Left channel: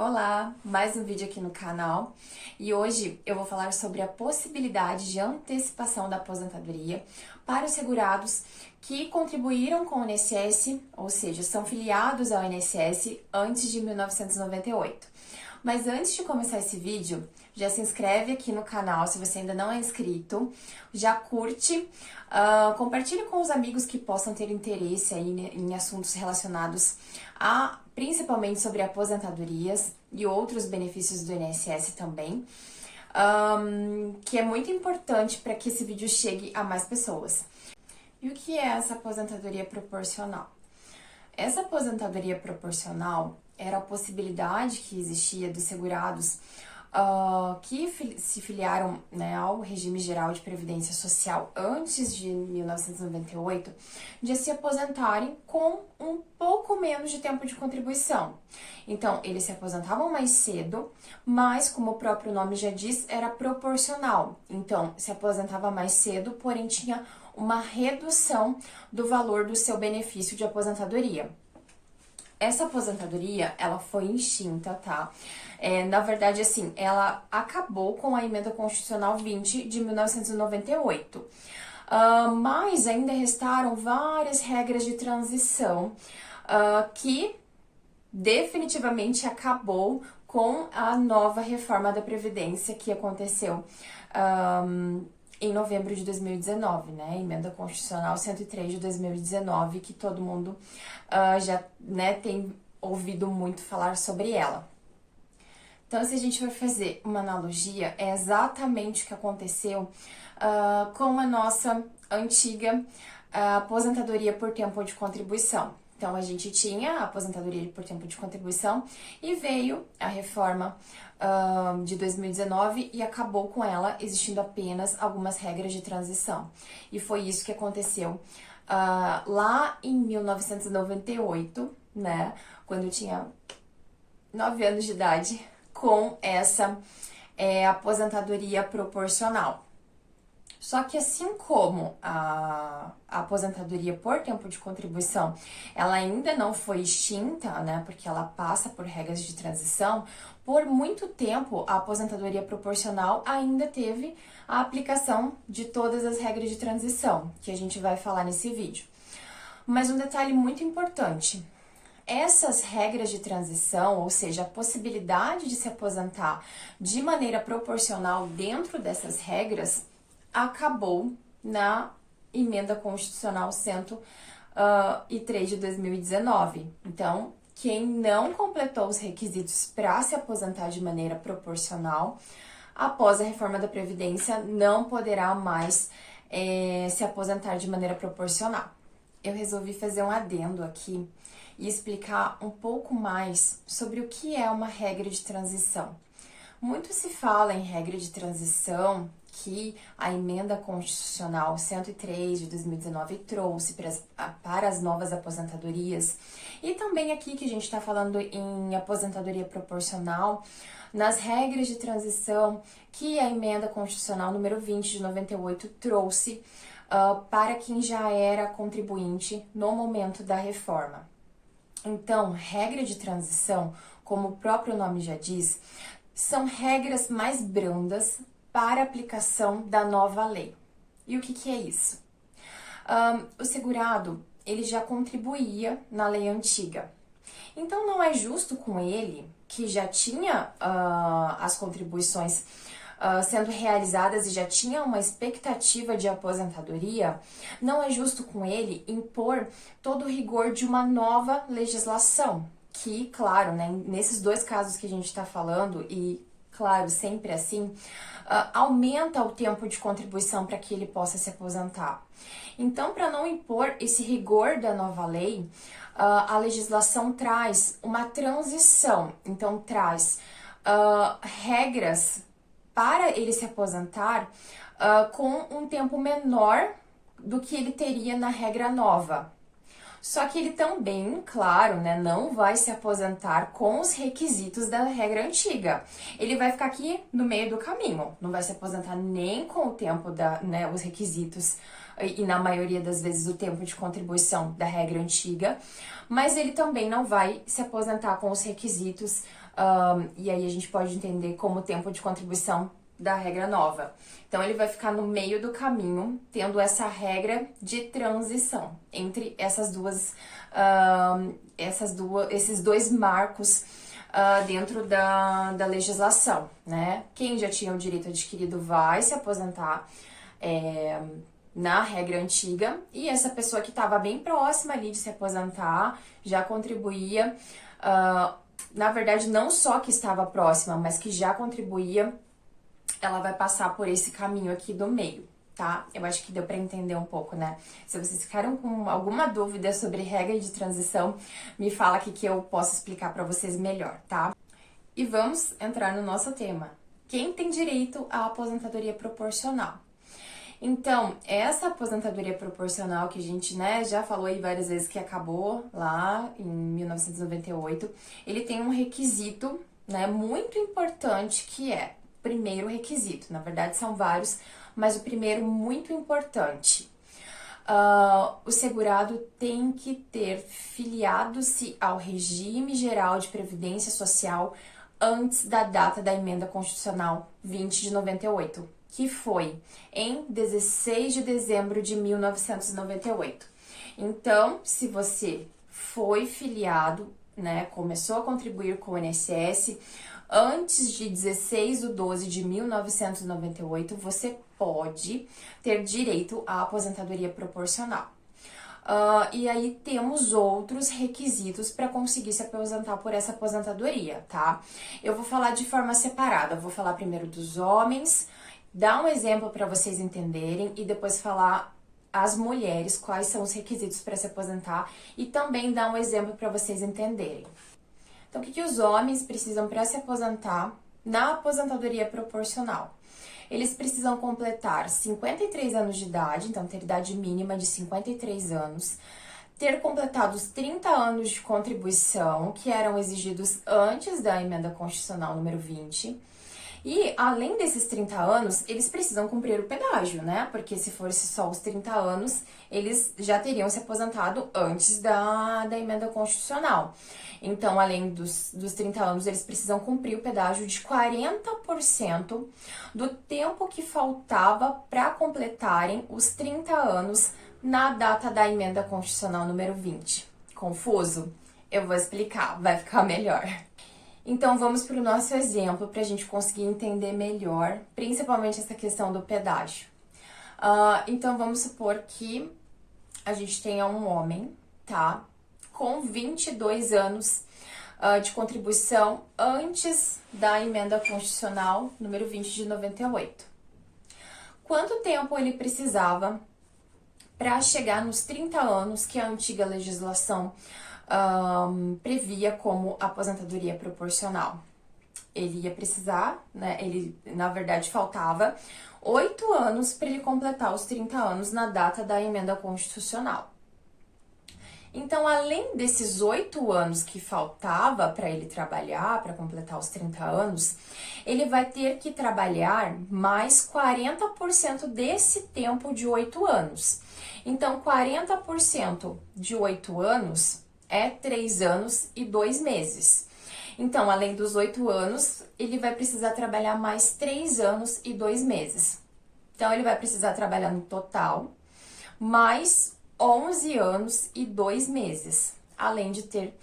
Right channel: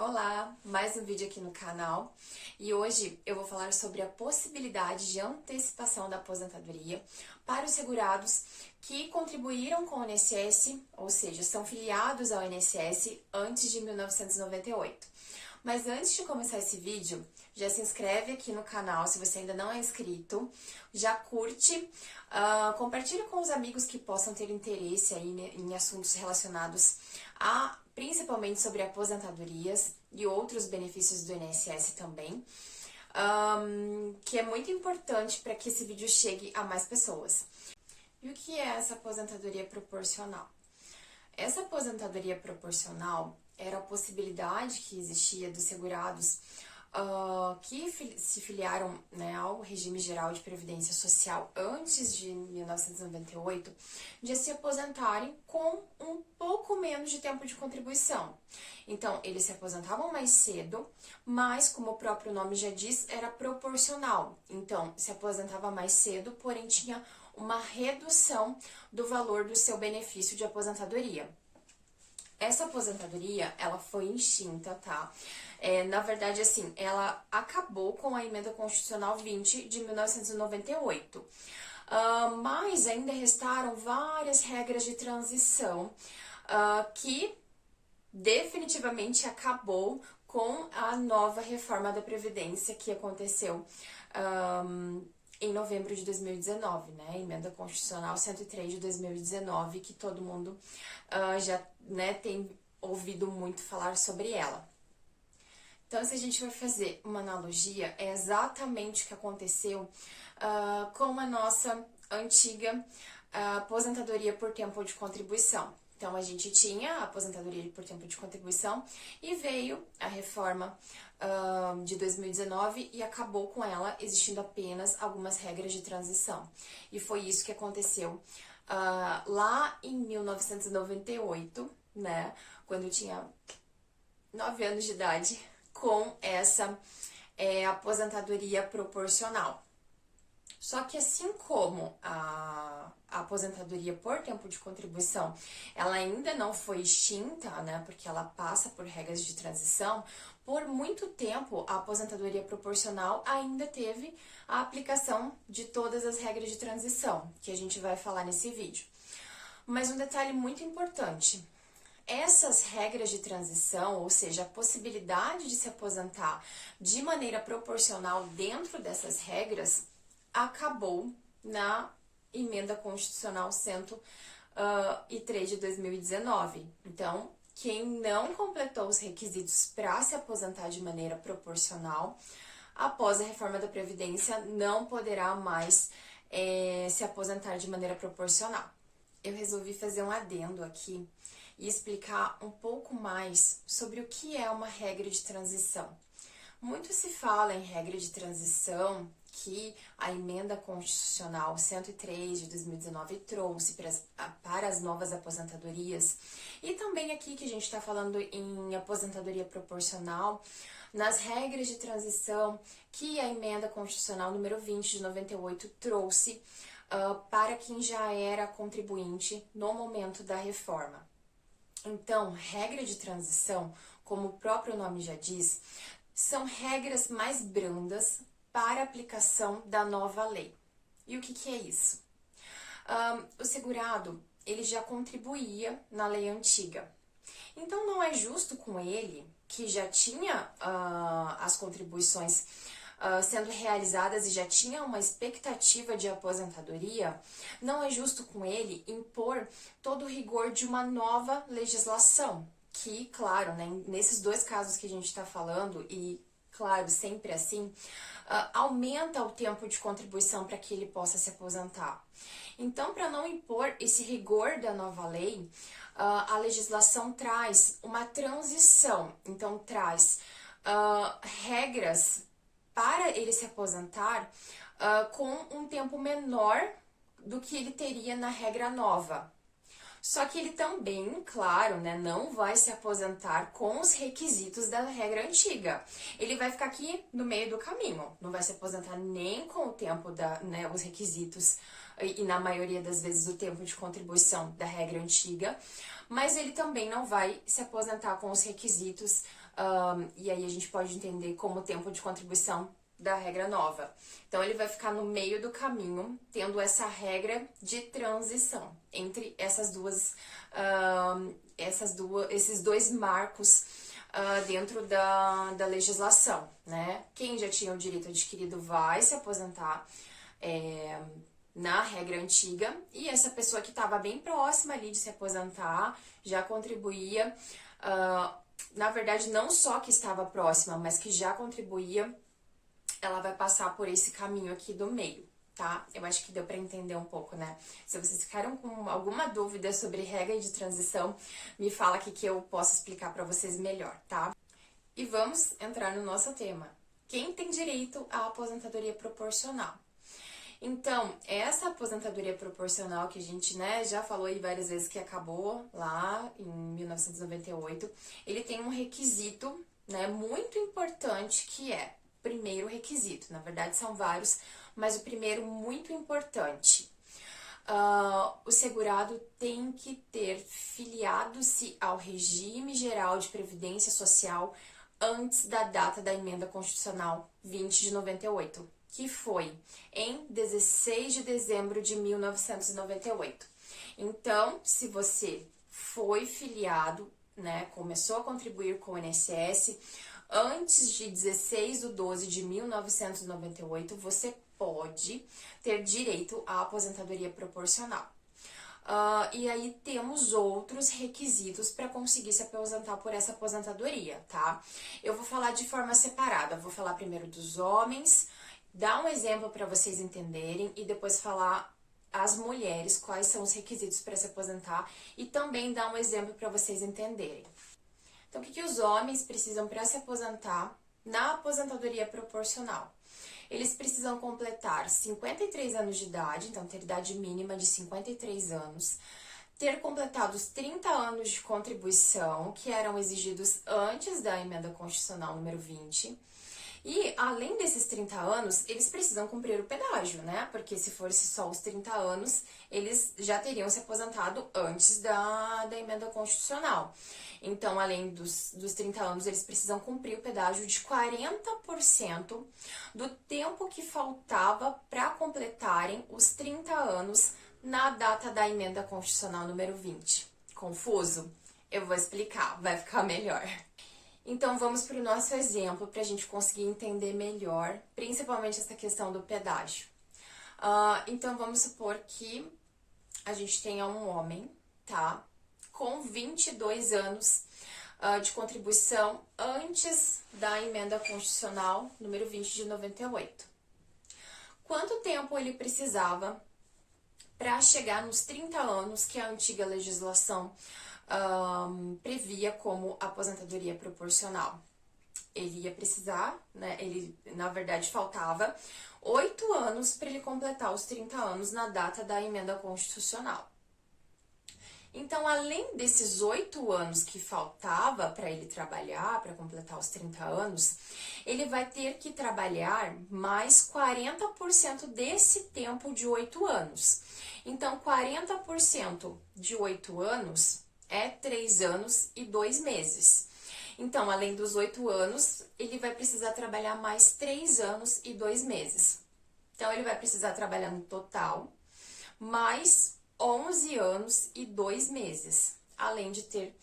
Olá, mais um vídeo aqui no canal e hoje eu vou falar sobre a possibilidade de antecipação da aposentadoria para os segurados que contribuíram com o INSS, ou seja, são filiados ao INSS antes de 1998. Mas antes de começar esse vídeo, já se inscreve aqui no canal se você ainda não é inscrito, já curte, compartilhe com os amigos que possam ter interesse aí em assuntos relacionados a principalmente sobre aposentadorias e outros benefícios do INSS também, que é muito importante para que esse vídeo chegue a mais pessoas. E o que é essa aposentadoria proporcional? Essa aposentadoria proporcional era a possibilidade que existia dos segurados que se filiaram, né, ao regime geral de previdência social antes de 1998 de se aposentarem com um pouco menos de tempo de contribuição. Então, eles se aposentavam mais cedo, mas, como o próprio nome já diz, era proporcional. Então, se aposentava mais cedo, porém tinha uma redução do valor do seu benefício de aposentadoria. Essa aposentadoria, ela foi extinta, tá? Na verdade, assim, ela acabou com a Emenda Constitucional 20 de 1998. Mas ainda restaram várias regras de transição que definitivamente acabou com a nova reforma da Previdência que aconteceu em novembro de 2019, né? Emenda Constitucional 103 de 2019, que todo mundo já, né, tem ouvido muito falar sobre ela. Então, se a gente for fazer uma analogia, é exatamente o que aconteceu com a nossa antiga aposentadoria por tempo de contribuição. Então, a gente tinha a aposentadoria por tempo de contribuição e veio a reforma de 2019 e acabou com ela, existindo apenas algumas regras de transição. E foi isso que aconteceu lá em 1998, né, quando eu tinha 9 anos de idade, com essa aposentadoria proporcional. Só que assim como a aposentadoria por tempo de contribuição, ela ainda não foi extinta, né, porque ela passa por regras de transição, por muito tempo a aposentadoria proporcional ainda teve a aplicação de todas as regras de transição, que a gente vai falar nesse vídeo. Mas um detalhe muito importante: essas regras de transição, ou seja, a possibilidade de se aposentar de maneira proporcional dentro dessas regras, acabou na Emenda Constitucional 103 de 2019. Então, quem não completou os requisitos para se aposentar de maneira proporcional, após a reforma da Previdência, não poderá mais se aposentar de maneira proporcional. Eu resolvi fazer um adendo aqui e explicar um pouco mais sobre o que é uma regra de transição. Muito se fala em regra de transição que a Emenda Constitucional 103 de 2019 trouxe para as novas aposentadorias, e também aqui que a gente está falando em aposentadoria proporcional, nas regras de transição que a Emenda Constitucional número 20 de 98 trouxe para quem já era contribuinte no momento da reforma. Então, regra de transição, como o próprio nome já diz, são regras mais brandas para aplicação da nova lei. E o que é isso? O segurado, ele já contribuía na lei antiga. Então, não é justo com ele, que já tinha as contribuições sendo realizadas e já tinha uma expectativa de aposentadoria, não é justo com ele impor todo o rigor de uma nova legislação, que, claro, né, nesses dois casos que a gente está falando, e, claro, sempre assim, aumenta o tempo de contribuição para que ele possa se aposentar. Então, para não impor esse rigor da nova lei, a legislação traz uma transição, então traz regras para ele se aposentar com um tempo menor do que ele teria na regra nova. Só que ele também, claro, né, não vai se aposentar com os requisitos da regra antiga. Ele vai ficar aqui no meio do caminho, não vai se aposentar nem com o tempo os requisitos e na maioria das vezes o tempo de contribuição da regra antiga, mas ele também não vai se aposentar com os requisitos e aí a gente pode entender como tempo de contribuição da regra nova. Então, ele vai ficar no meio do caminho, tendo essa regra de transição entre esses dois marcos dentro da legislação, né? Quem já tinha o direito adquirido vai se aposentar na regra antiga, e essa pessoa que estava bem próxima ali de se aposentar já contribuía, na verdade, não só que estava próxima, mas que já contribuía, ela vai passar por esse caminho aqui do meio, tá? Eu acho que deu para entender um pouco, né? Se vocês ficaram com alguma dúvida sobre regra de transição, me fala aqui que eu posso explicar para vocês melhor, tá? E vamos entrar no nosso tema. Quem tem direito à aposentadoria proporcional? Então, essa aposentadoria proporcional que a gente, né, já falou aí várias vezes que acabou lá em 1998, ele tem um requisito, né, muito importante que é, primeiro requisito, na verdade são vários, mas o primeiro muito importante. O segurado tem que ter filiado-se ao regime geral de previdência social antes da data da emenda constitucional 20 de 98, que foi em 16 de dezembro de 1998. Então, se você foi filiado, né, começou a contribuir com o INSS antes de 16 de 12 de 1998, você pode ter direito à aposentadoria proporcional. E aí temos outros requisitos para conseguir se aposentar por essa aposentadoria, tá? Eu vou falar de forma separada, vou falar primeiro dos homens, dar um exemplo para vocês entenderem e depois falar as mulheres, quais são os requisitos para se aposentar e também dar um exemplo para vocês entenderem. Então, o que os homens precisam para se aposentar na aposentadoria proporcional? Eles precisam completar 53 anos de idade, então ter idade mínima de 53 anos, ter completado os 30 anos de contribuição que eram exigidos antes da emenda constitucional número 20. E, além desses 30 anos, eles precisam cumprir o pedágio, né? Porque se fosse só os 30 anos, eles já teriam se aposentado antes da emenda constitucional. Então, além dos 30 anos, eles precisam cumprir o pedágio de 40% do tempo que faltava para completarem os 30 anos na data da emenda constitucional número 20. Confuso? Eu vou explicar, vai ficar melhor. Então, vamos para o nosso exemplo para a gente conseguir entender melhor, principalmente essa questão do pedágio. Então, vamos supor que a gente tenha um homem, tá? Com 22 anos de contribuição antes da emenda constitucional número 20 de 98. Quanto tempo ele precisava para chegar nos 30 anos que a antiga legislação previa como aposentadoria proporcional? Ele ia precisar, né? Ele, na verdade, faltava 8 anos para ele completar os 30 anos na data da emenda constitucional. Então, além desses 8 anos que faltava para ele trabalhar, para completar os 30 anos, ele vai ter que trabalhar mais 40% desse tempo de 8 anos. Então, 40% de 8 anos é 3 anos e 2 meses. Então, além dos 8 anos, ele vai precisar trabalhar mais 3 anos e 2 meses. Então, ele vai precisar trabalhar no total mais 11 anos e 2 meses, além de ter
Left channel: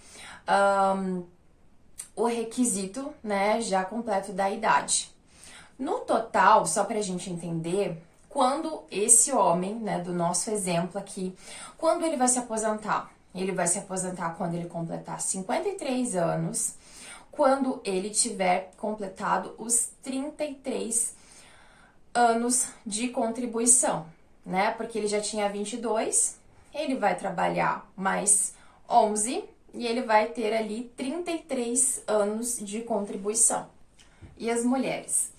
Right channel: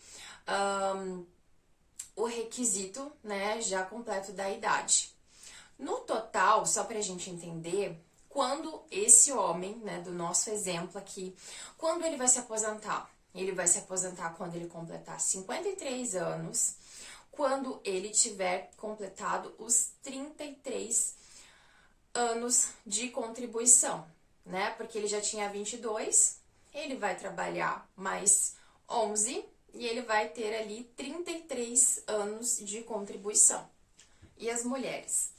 o requisito, né, já completo da idade. No total, só para a gente entender, quando esse homem, né, do nosso exemplo aqui, quando ele vai se aposentar? Ele vai se aposentar quando ele completar 53 anos, quando ele tiver completado os 33 anos de contribuição, né? Porque ele já tinha 22, ele vai trabalhar mais 11 e ele vai ter ali 33 anos de contribuição. E as mulheres?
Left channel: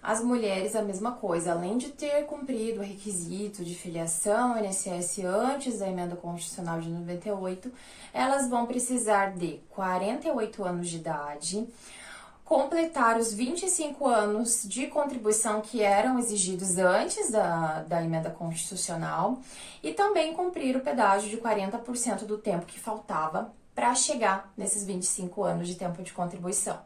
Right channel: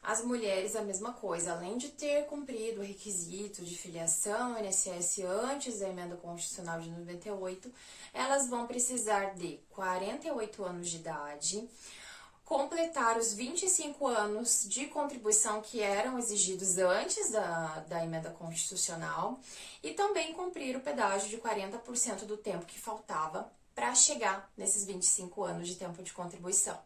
As mulheres, a mesma coisa, além de ter cumprido o requisito de filiação ao INSS antes da emenda constitucional de 98, elas vão precisar de 48 anos de idade, completar os 25 anos de contribuição que eram exigidos antes da emenda constitucional e também cumprir o pedágio de 40% do tempo que faltava para chegar nesses 25 anos de tempo de contribuição.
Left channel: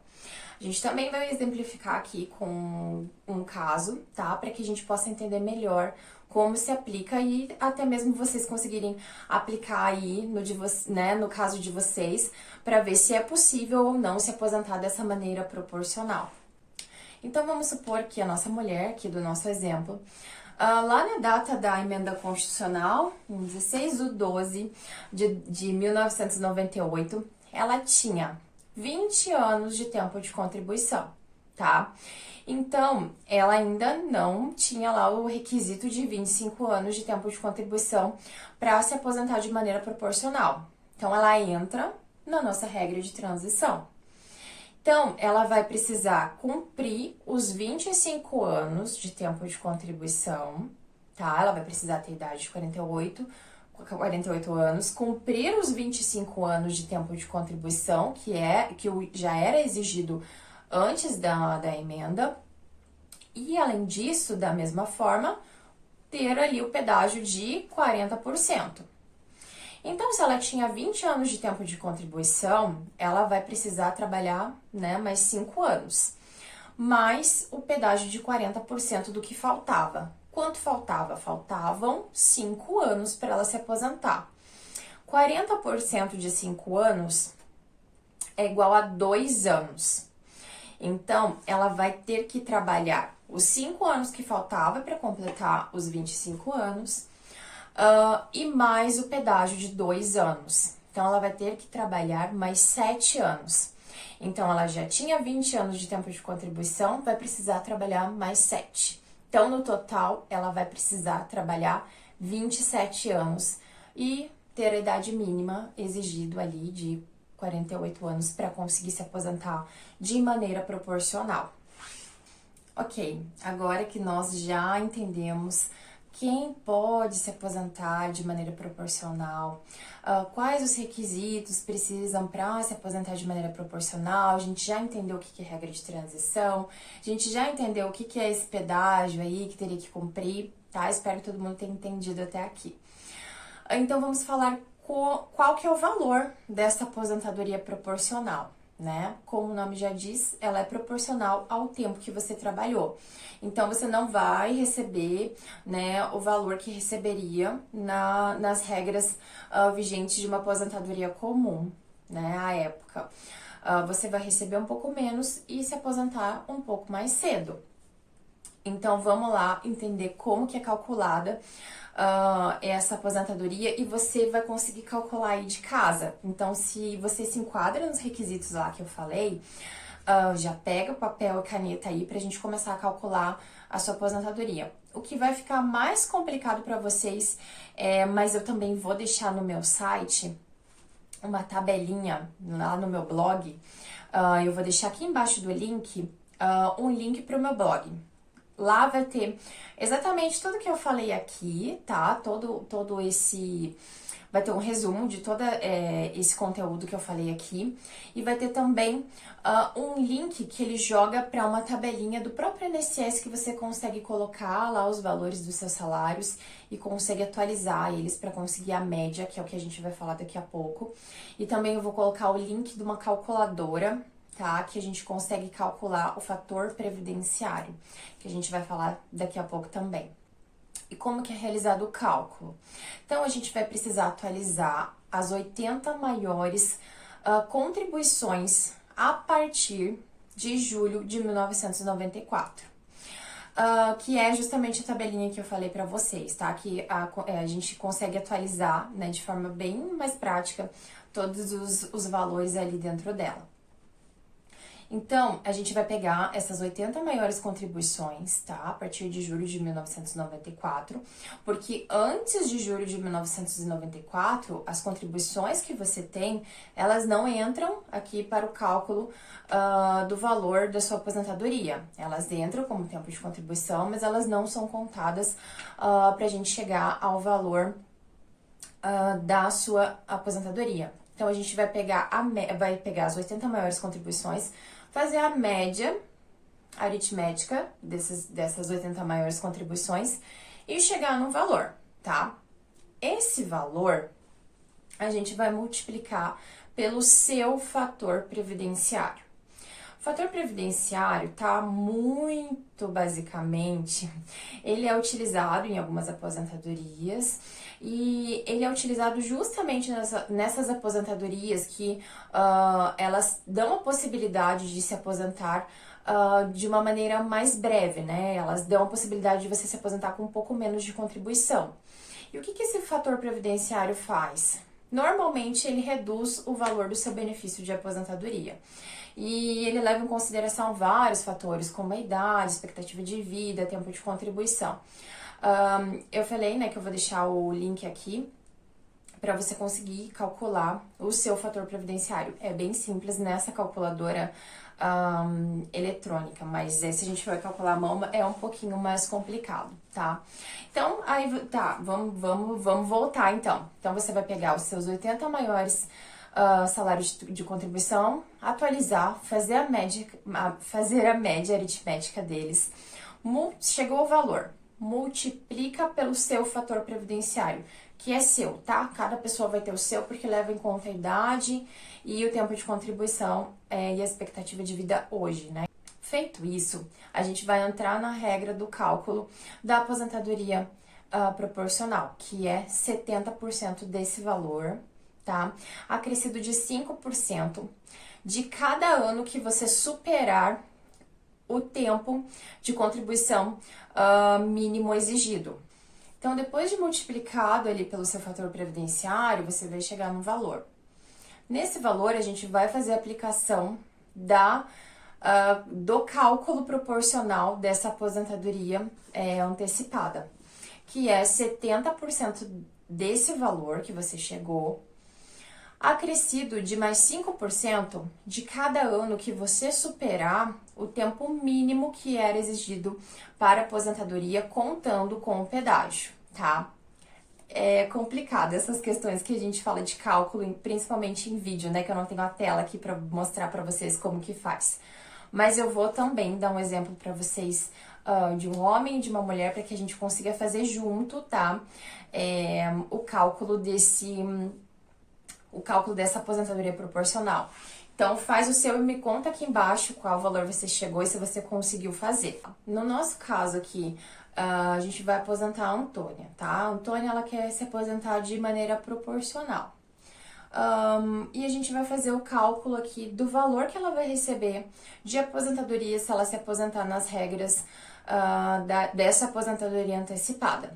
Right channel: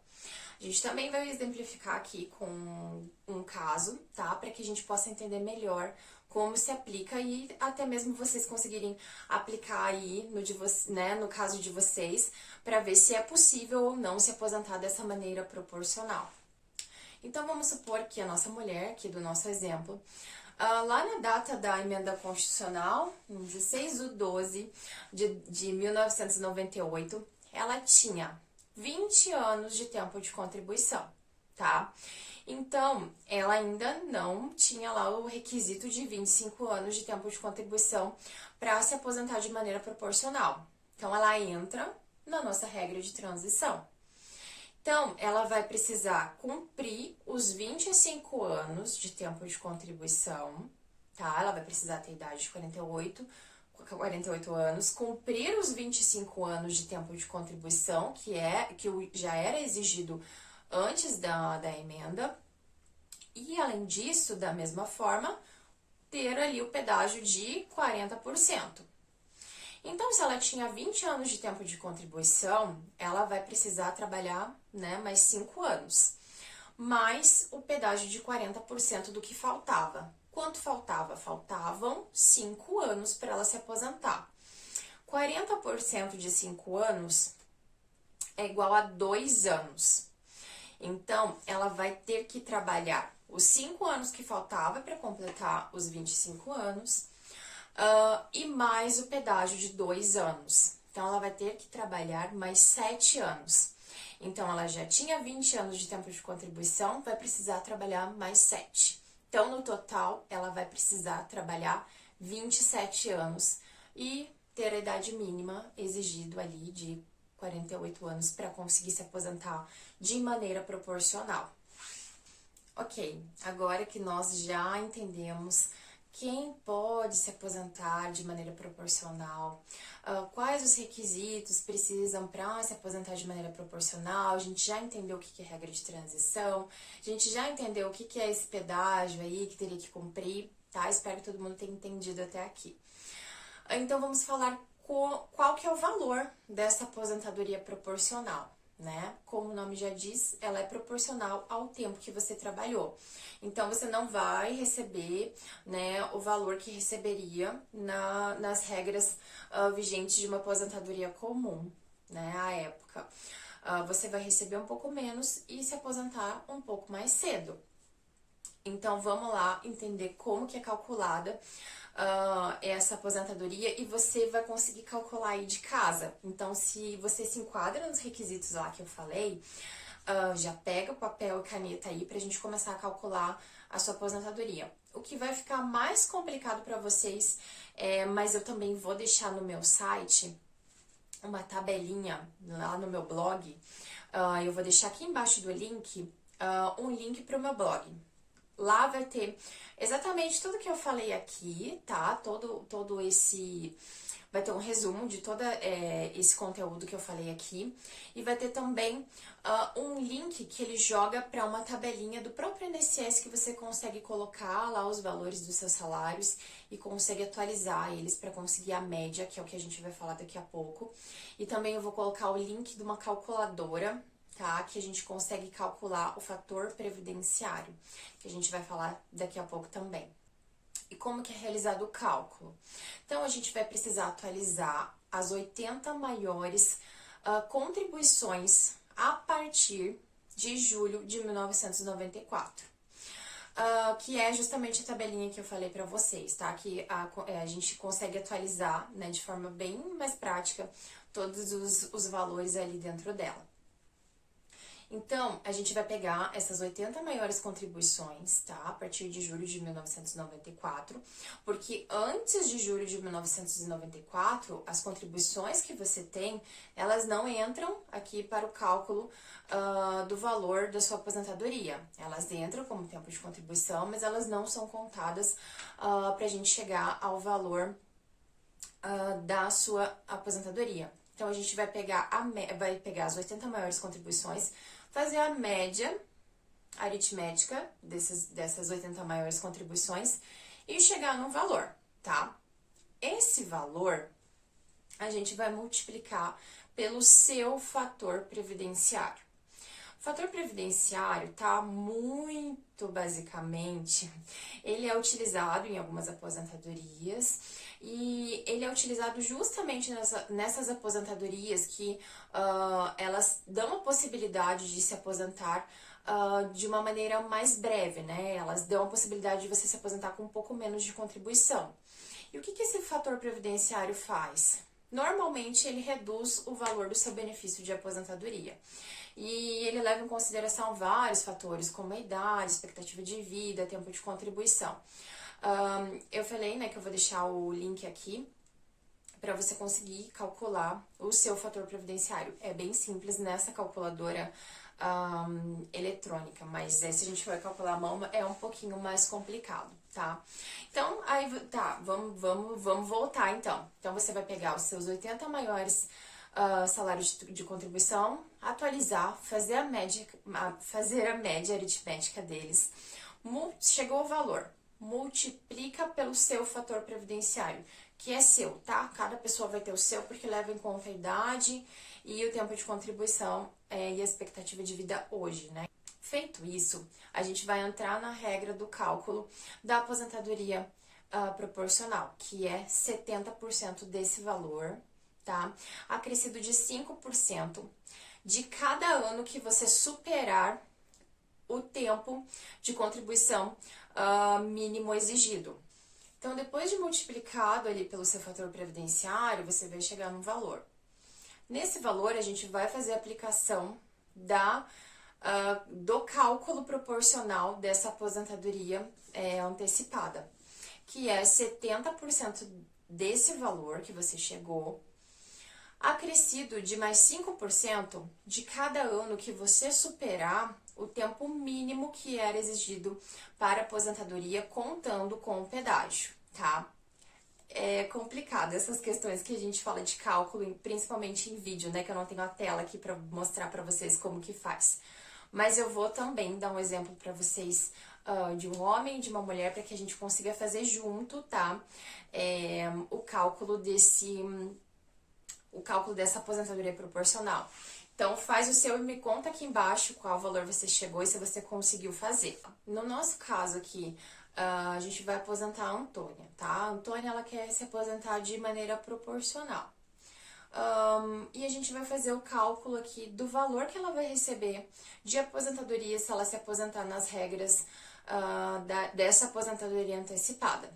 A gente também vai exemplificar aqui com um caso, tá? Para que a gente possa entender melhor como se aplica e até mesmo vocês conseguirem aplicar aí no caso de vocês, para ver se é possível ou não se aposentar dessa maneira proporcional. Então, vamos supor que a nossa mulher, aqui do nosso exemplo, lá na data da emenda constitucional, em 16/12 de 1998, ela tinha 20 anos de tempo de contribuição, tá? Então, ela ainda não tinha lá o requisito de 25 anos de tempo de contribuição para se aposentar de maneira proporcional. Então, ela entra na nossa regra de transição. Então, ela vai precisar cumprir os 25 anos de tempo de contribuição, tá? Ela vai precisar ter idade de 48 anos, cumprir os 25 anos de tempo de contribuição, que já era exigido antes da emenda, e além disso, da mesma forma, ter ali o pedágio de 40%. Então, se ela tinha 20 anos de tempo de contribuição, ela vai precisar trabalhar, né, mais 5 anos, mais o pedágio de 40% do que faltava. Quanto faltava? Faltavam 5 anos para ela se aposentar. 40% de 5 anos é igual a 2 anos. Então, ela vai ter que trabalhar os 5 anos que faltava para completar os 25 anos e mais o pedágio de 2 anos. Então, ela vai ter que trabalhar mais 7 anos. Então, ela já tinha 20 anos de tempo de contribuição, vai precisar trabalhar mais 7. Então, no total, ela vai precisar trabalhar 27 anos e ter a idade mínima exigido ali de 48 anos para conseguir se aposentar de maneira proporcional. Ok, agora que nós já entendemos quem pode se aposentar de maneira proporcional, quais os requisitos precisam para se aposentar de maneira proporcional, a gente já entendeu o que é regra de transição, a gente já entendeu o que é esse pedágio aí que teria que cumprir, tá? Espero que todo mundo tenha entendido até aqui. Então, vamos falar qual que é o valor dessa aposentadoria proporcional, né? Como o nome já diz, ela é proporcional ao tempo que você trabalhou. Então, você não vai receber, né, o valor que receberia nas regras vigentes de uma aposentadoria comum, né, à época. Você vai receber um pouco menos e se aposentar um pouco mais cedo. Então, vamos lá entender como que é calculada essa aposentadoria e você vai conseguir calcular aí de casa. Então, se você se enquadra nos requisitos lá que eu falei, já pega o papel e caneta aí pra gente começar a calcular a sua aposentadoria. O que vai ficar mais complicado para vocês, mas eu também vou deixar no meu site uma tabelinha lá no meu blog. Eu vou deixar aqui embaixo do link um link para o meu blog. Lá vai ter exatamente tudo que eu falei aqui, tá? Todo esse... Vai ter um resumo de todo esse conteúdo que eu falei aqui. E vai ter também um link que ele joga para uma tabelinha do próprio INSS que você consegue colocar lá os valores dos seus salários e consegue atualizar eles para conseguir a média, que é o que a gente vai falar daqui a pouco. E também eu vou colocar o link de uma calculadora, tá? Que a gente consegue calcular o fator previdenciário, que a gente vai falar daqui a pouco também. E como que é realizado o cálculo? Então, a gente vai precisar atualizar as 80 maiores contribuições a partir de julho de 1994. Que é justamente a tabelinha que eu falei para vocês, tá? Que a gente consegue atualizar, né, de forma bem mais prática todos os valores ali dentro dela. Então, a gente vai pegar essas 80 maiores contribuições, tá? A partir de julho de 1994, porque antes de julho de 1994, as contribuições que você tem, elas não entram aqui para o cálculo do valor da sua aposentadoria. Elas entram como tempo de contribuição, mas elas não são contadas para a gente chegar ao valor da sua aposentadoria. Então, a gente vai pegar as 80 maiores contribuições, fazer a média aritmética dessas 80 maiores contribuições e chegar no valor, tá? Esse valor a gente vai multiplicar pelo seu fator previdenciário. O fator previdenciário tá muito basicamente, ele é utilizado em algumas aposentadorias e ele é utilizado justamente nessas aposentadorias que elas dão a possibilidade de se aposentar de uma maneira mais breve, né? Elas dão a possibilidade de você se aposentar com um pouco menos de contribuição. E o que esse fator previdenciário faz? Normalmente ele reduz o valor do seu benefício de aposentadoria. E ele leva em consideração vários fatores, como a idade, expectativa de vida, tempo de contribuição. Eu falei, né, que eu vou deixar o link aqui para você conseguir calcular o seu fator previdenciário. É bem simples nessa calculadora eletrônica, mas se a gente for calcular a mão é um pouquinho mais complicado, tá? Então, aí, tá, vamos voltar então. Então, você vai pegar os seus 80 maiores salários de contribuição, atualizar, fazer a média aritmética deles, chegou o valor, multiplica pelo seu fator previdenciário, que é seu, tá? Cada pessoa vai ter o seu, porque leva em conta a idade e o tempo de contribuição e a expectativa de vida hoje, né? Feito isso, a gente vai entrar na regra do cálculo da aposentadoria proporcional, que é 70% desse valor, tá? Acrescido de 5% de cada ano que você superar o tempo de contribuição mínimo exigido. Então, depois de multiplicado ali pelo seu fator previdenciário, você vai chegar no valor. Nesse valor, a gente vai fazer a aplicação do cálculo proporcional dessa aposentadoria antecipada, que é 70% desse valor que você chegou, acrescido de mais 5% de cada ano que você superar o tempo mínimo que era exigido para aposentadoria, contando com o pedágio, tá? É complicado essas questões que a gente fala de cálculo, principalmente em vídeo, né? Que eu não tenho a tela aqui para mostrar para vocês como que faz. Mas eu vou também dar um exemplo para vocês de um homem e de uma mulher, para que a gente consiga fazer junto, tá? O cálculo dessa aposentadoria proporcional. Então, faz o seu e me conta aqui embaixo qual valor você chegou e se você conseguiu fazer. No nosso caso aqui, a gente vai aposentar a Antônia, tá? A Antônia, ela quer se aposentar de maneira proporcional. E a gente vai fazer o cálculo aqui do valor que ela vai receber de aposentadoria se ela se aposentar nas regras dessa aposentadoria antecipada.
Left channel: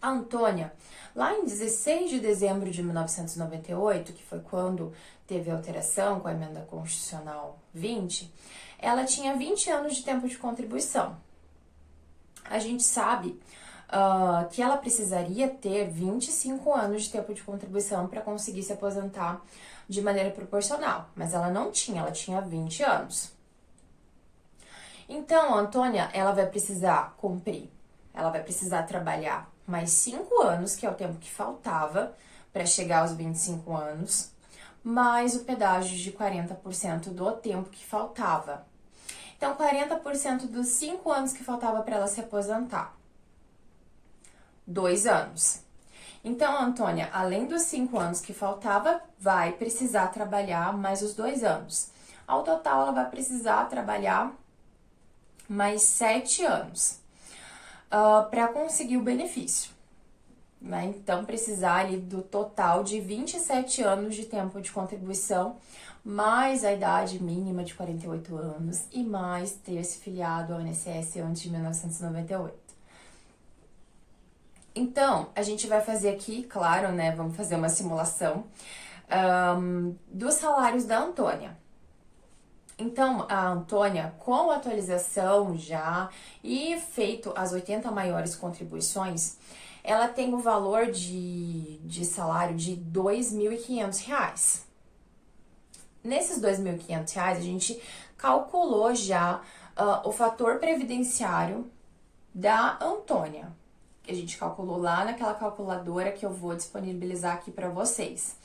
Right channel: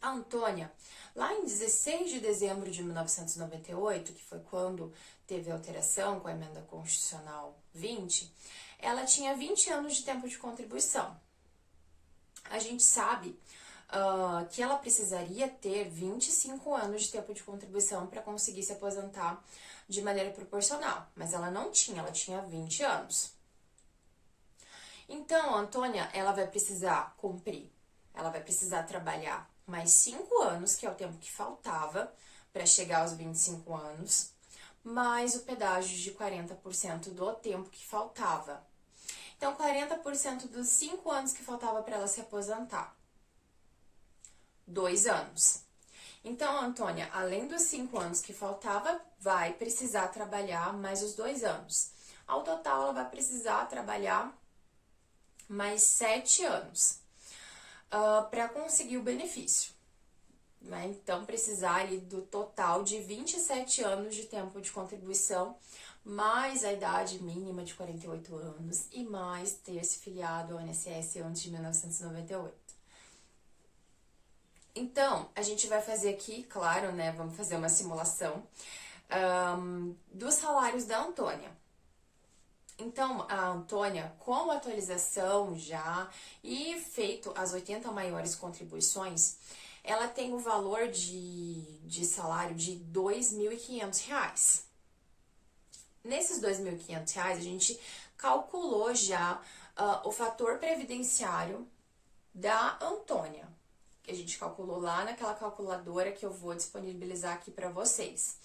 A Antônia, lá em 16 de dezembro de 1998, que foi quando teve a alteração com a emenda constitucional 20, ela tinha 20 anos de tempo de contribuição. A gente sabe que ela precisaria ter 25 anos de tempo de contribuição para conseguir se aposentar de maneira proporcional, mas ela não tinha, ela tinha 20 anos. Então, a Antônia, ela vai precisar cumprir, ela vai precisar trabalhar mais 5 anos, que é o tempo que faltava para chegar aos 25 anos, mais o pedágio de 40% do tempo que faltava. Então, 40% dos 5 anos que faltava para ela se aposentar. 2 anos. Então, a Antônia, além dos 5 anos que faltava, vai precisar trabalhar mais os 2 anos. Ao total, ela vai precisar trabalhar mais 7 anos para conseguir o benefício. Né? Então, precisar ali do total de 27 anos de tempo de contribuição, mais a idade mínima de 48 anos e mais ter se filiado ao INSS antes de 1998. Então, a gente vai fazer aqui, claro, né, vamos fazer uma simulação dos salários da Antônia. Então, a Antônia, com a atualização já e feito as 80 maiores contribuições, ela tem o valor de salário de R$ 2.500. Nesses R$ 2.500, a gente calculou já o fator previdenciário da Antônia, que a gente calculou lá naquela calculadora que eu vou disponibilizar aqui para vocês.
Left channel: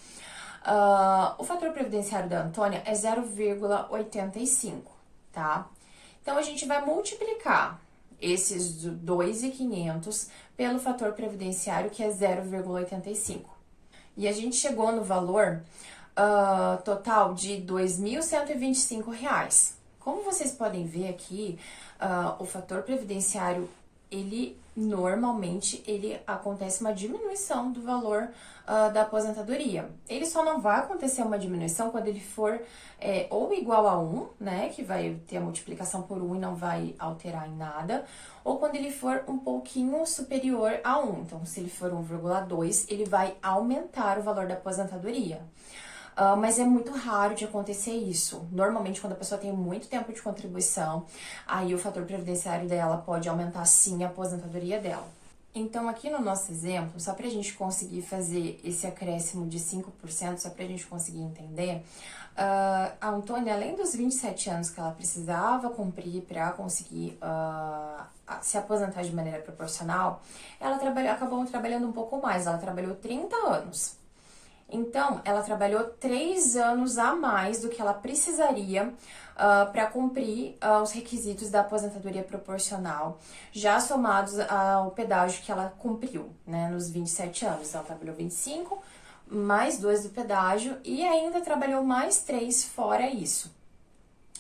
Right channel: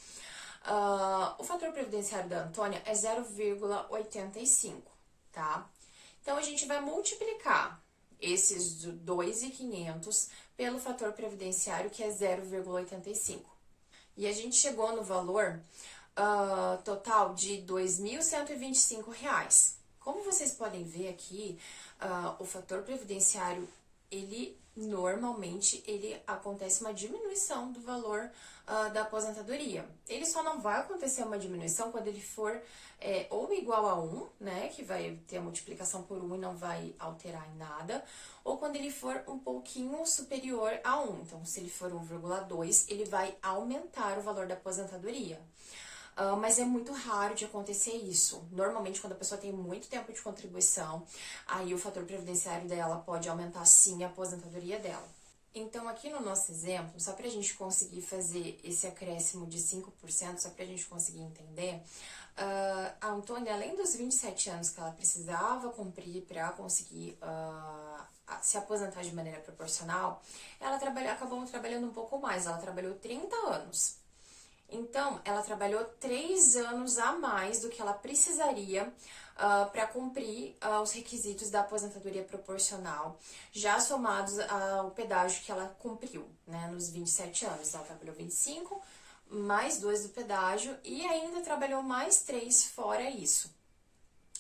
O fator previdenciário da Antônia é 0,85, tá? Então, a gente vai multiplicar esses 2.500 pelo fator previdenciário, que é 0,85. E a gente chegou no valor total de R$ 2.125. Como vocês podem ver aqui, o fator previdenciário, normalmente acontece uma diminuição do valor da aposentadoria. Ele só não vai acontecer uma diminuição quando ele for ou igual a 1, né, que vai ter a multiplicação por 1 e não vai alterar em nada, ou quando ele for um pouquinho superior a 1. Então, se ele for 1,2, ele vai aumentar o valor da aposentadoria. Mas é muito raro de acontecer isso. Normalmente, quando a pessoa tem muito tempo de contribuição, aí o fator previdenciário dela pode aumentar sim a aposentadoria dela. Então, aqui no nosso exemplo, só para a gente conseguir fazer esse acréscimo de 5%, só para a gente conseguir entender, a Antônia, além dos 27 anos que ela precisava cumprir para conseguir se aposentar de maneira proporcional, ela acabou trabalhando um pouco mais, ela trabalhou 30 anos. Então, ela trabalhou 3 anos a mais do que ela precisaria para cumprir os requisitos da aposentadoria proporcional, já somados ao pedágio que ela cumpriu, né, nos 27 anos. Ela trabalhou 25, mais 2 do pedágio e ainda trabalhou mais 3 fora isso.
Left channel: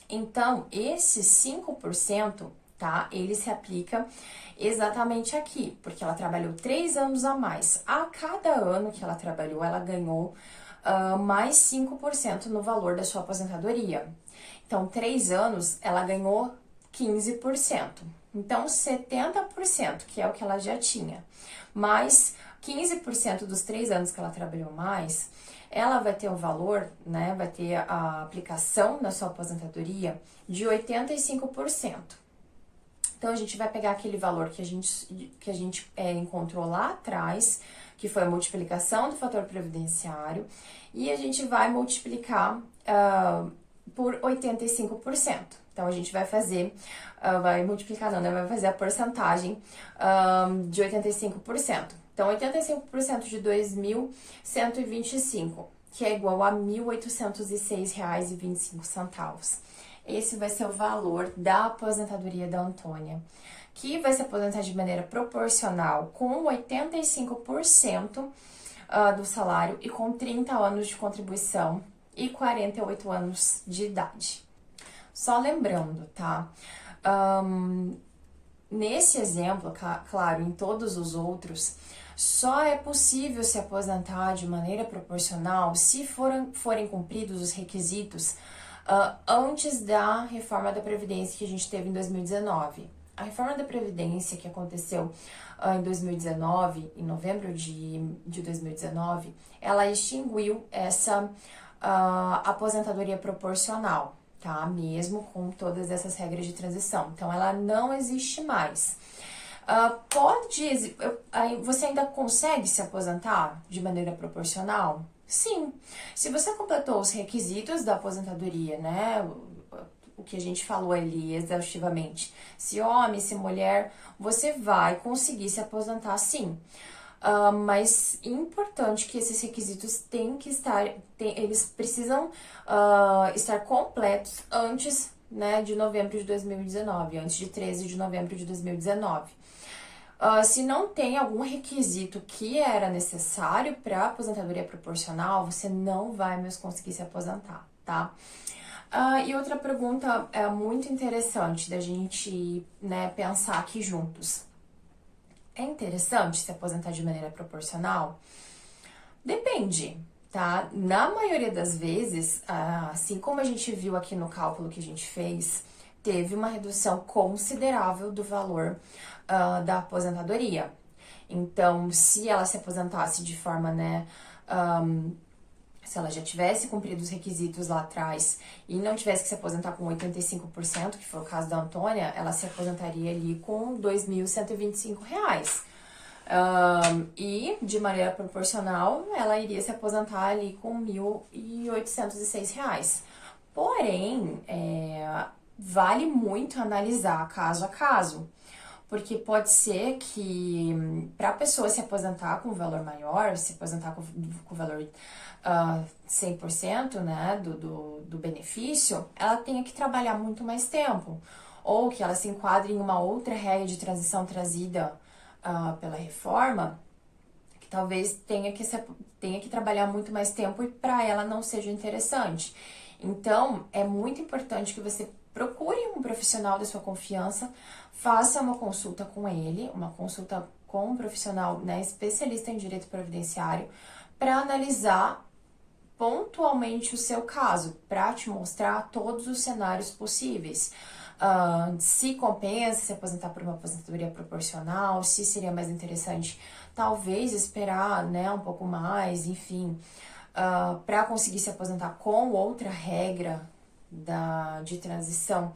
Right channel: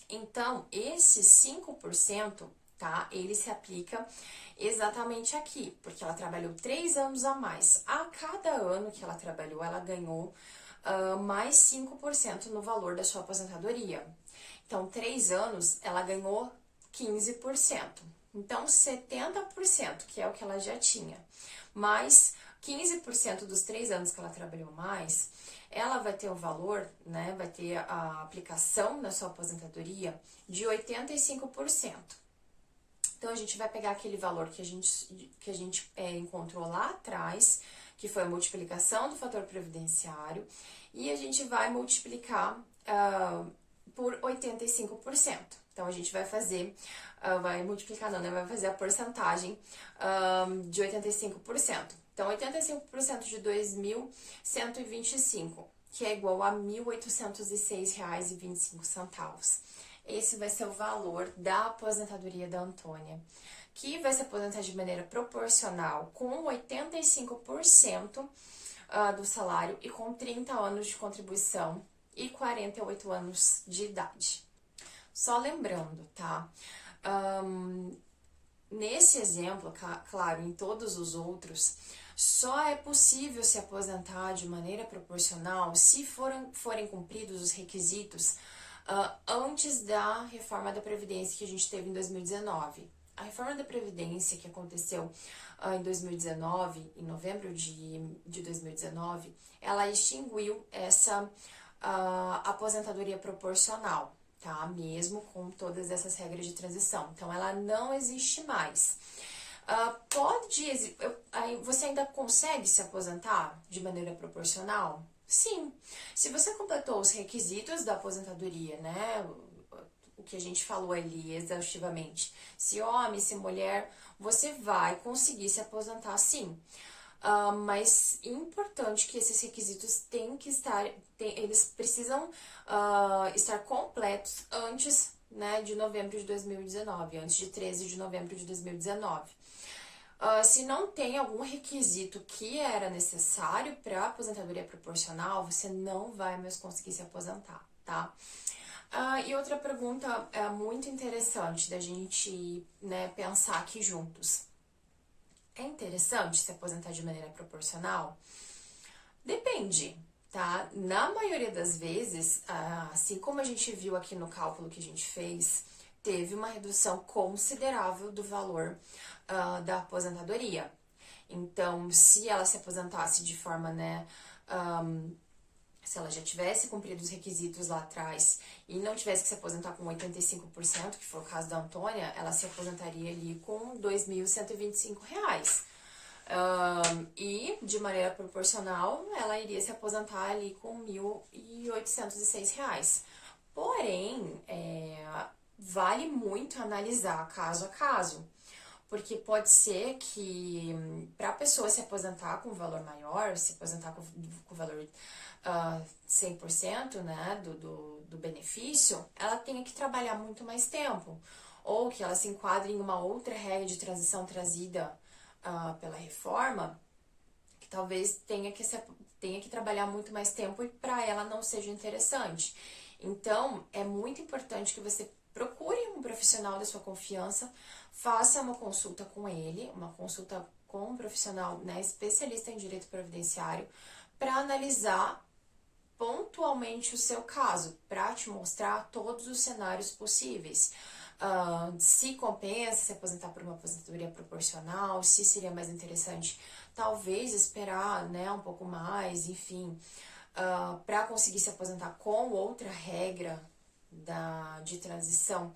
Então, esse 5%, tá, ele se aplica exatamente aqui, porque ela trabalhou 3 anos a mais. A cada ano que ela trabalhou, ela ganhou mais 5% no valor da sua aposentadoria. Então, 3 anos, ela ganhou 15%. Então, 70%, que é o que ela já tinha, mais 15% dos 3 anos que ela trabalhou mais, ela vai ter o valor, né, vai ter a aplicação na sua aposentadoria de 85%. Então, a gente vai pegar aquele valor que a gente encontrou lá atrás, que foi a multiplicação do fator previdenciário, e a gente vai multiplicar por 85%. Então, a gente vai fazer, vai multiplicar não, né? Vai fazer a porcentagem de 85%. Então, 85% de 2.125, que é igual a R$ 1.806,25. Esse vai ser o valor da aposentadoria da Antônia, que vai se aposentar de maneira proporcional com 85% do salário e com 30 anos de contribuição e 48 anos de idade. Só lembrando, tá? Nesse exemplo, claro, em todos os outros, só é possível se aposentar de maneira proporcional se forem cumpridos os requisitos antes da reforma da Previdência que a gente teve em 2019. A reforma da Previdência que aconteceu em 2019, em novembro de 2019, ela extinguiu essa aposentadoria proporcional, tá? Mesmo com todas essas regras de transição. Então, ela não existe mais. Você ainda consegue se aposentar de maneira proporcional? Sim. Se você completou os requisitos da aposentadoria, né? O que a gente falou ali exaustivamente, se homem, se mulher, você vai conseguir se aposentar sim. Mas é importante que esses requisitos eles precisam estar completos antes, né, de novembro de 2019, antes de 13 de novembro de 2019. Se não tem algum requisito que era necessário para aposentadoria proporcional, você não vai mais conseguir se aposentar, tá? E outra pergunta muito interessante da gente, né, pensar aqui juntos. É interessante se aposentar de maneira proporcional? Depende, tá? Na maioria das vezes, assim como a gente viu aqui no cálculo que a gente fez, teve uma redução considerável do valor da aposentadoria. Então, se ela se aposentasse de forma, né, se ela já tivesse cumprido os requisitos lá atrás e não tivesse que se aposentar com 85%, que foi o caso da Antônia, ela se aposentaria ali com R$ 2.125. E, de maneira proporcional, ela iria se aposentar ali com R$ 1.806. Porém, vale muito analisar caso a caso. Porque pode ser que para a pessoa se aposentar com um valor maior, se aposentar com o valor 100%, né, do benefício, ela tenha que trabalhar muito mais tempo. Ou que ela se enquadre em uma outra regra de transição trazida pela reforma, talvez tenha que trabalhar muito mais tempo e para ela não seja interessante. Então, é muito importante que você procure um profissional da sua confiança, faça uma consulta com ele, uma consulta com um profissional, né, especialista em direito previdenciário, para analisar pontualmente o seu caso, para te mostrar todos os cenários possíveis. Se compensa se aposentar por uma aposentadoria proporcional, se seria mais interessante talvez esperar, né, um pouco mais, enfim, para conseguir se aposentar com outra regra de transição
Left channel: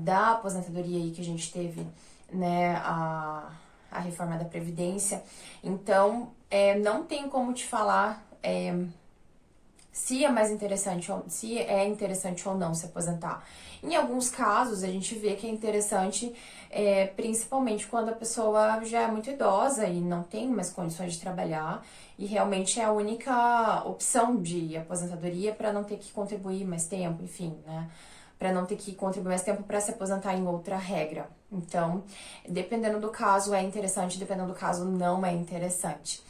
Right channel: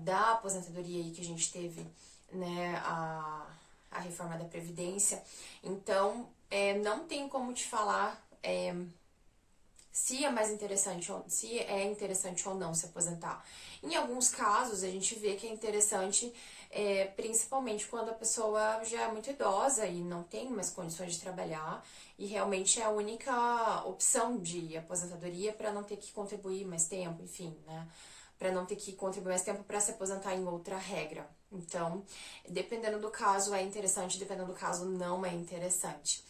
da aposentadoria aí que a gente teve, né, a reforma da Previdência. Então, não tem como te falar se é mais interessante, se é interessante ou não se aposentar. Em alguns casos, a gente vê que é interessante, principalmente quando a pessoa já é muito idosa e não tem mais condições de trabalhar, e realmente é a única opção de aposentadoria para não ter que contribuir mais tempo, enfim, né? Para não ter que contribuir mais tempo para se aposentar em outra regra. Então, dependendo do caso é interessante, dependendo do caso não é interessante.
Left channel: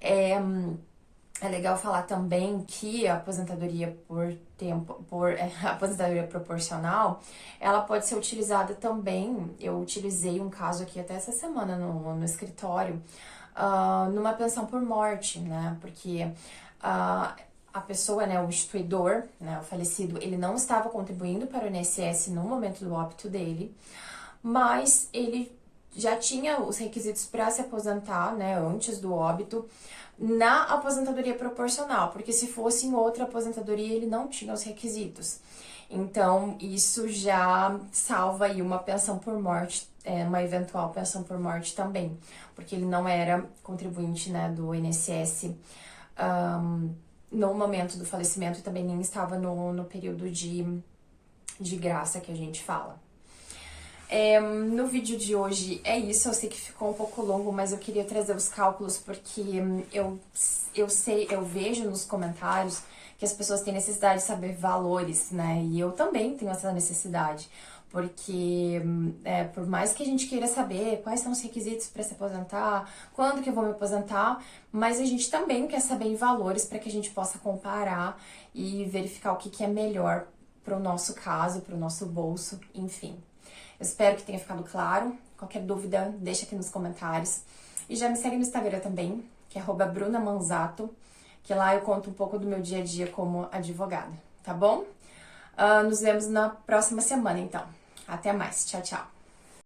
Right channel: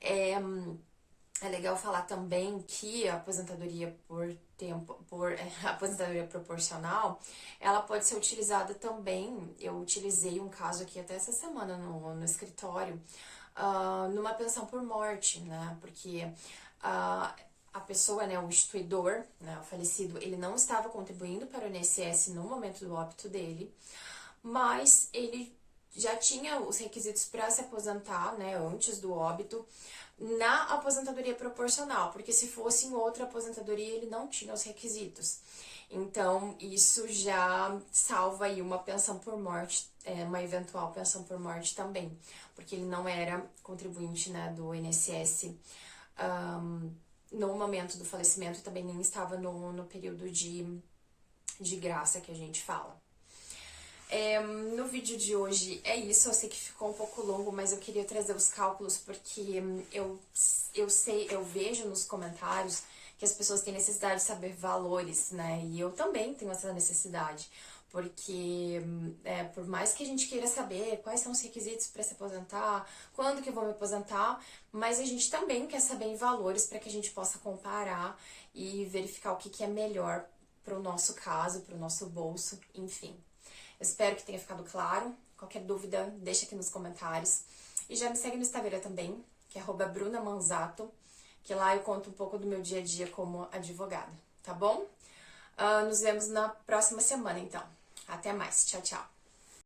É legal falar também que a aposentadoria a aposentadoria proporcional, ela pode ser utilizada também. Eu utilizei um caso aqui até essa semana no escritório, numa pensão por morte, né? Porque a pessoa, né, o instituidor, né, o falecido, ele não estava contribuindo para o INSS no momento do óbito dele, mas ele já tinha os requisitos para se aposentar, né, antes do óbito, na aposentadoria proporcional, porque se fosse em outra aposentadoria, ele não tinha os requisitos. Então, isso já salva aí uma pensão por morte, uma eventual pensão por morte também, porque ele não era contribuinte, né, do INSS no momento do falecimento e também nem estava no período de graça que a gente fala. No vídeo de hoje é isso, eu sei que ficou um pouco longo, mas eu queria trazer os cálculos porque eu vejo nos comentários que as pessoas têm necessidade de saber valores, né? E eu também tenho essa necessidade, porque por mais que a gente queira saber quais são os requisitos para se aposentar, quando que eu vou me aposentar, mas a gente também quer saber em valores para que a gente possa comparar e verificar o que é melhor para o nosso caso, para o nosso bolso, enfim. Eu espero que tenha ficado claro. Qualquer dúvida, deixa aqui nos comentários. E já me segue no Instagram também, que é @brunamanzato, que lá eu conto um pouco do meu dia a dia como advogada, tá bom? Nos vemos na próxima semana, então. Até mais. Tchau, tchau.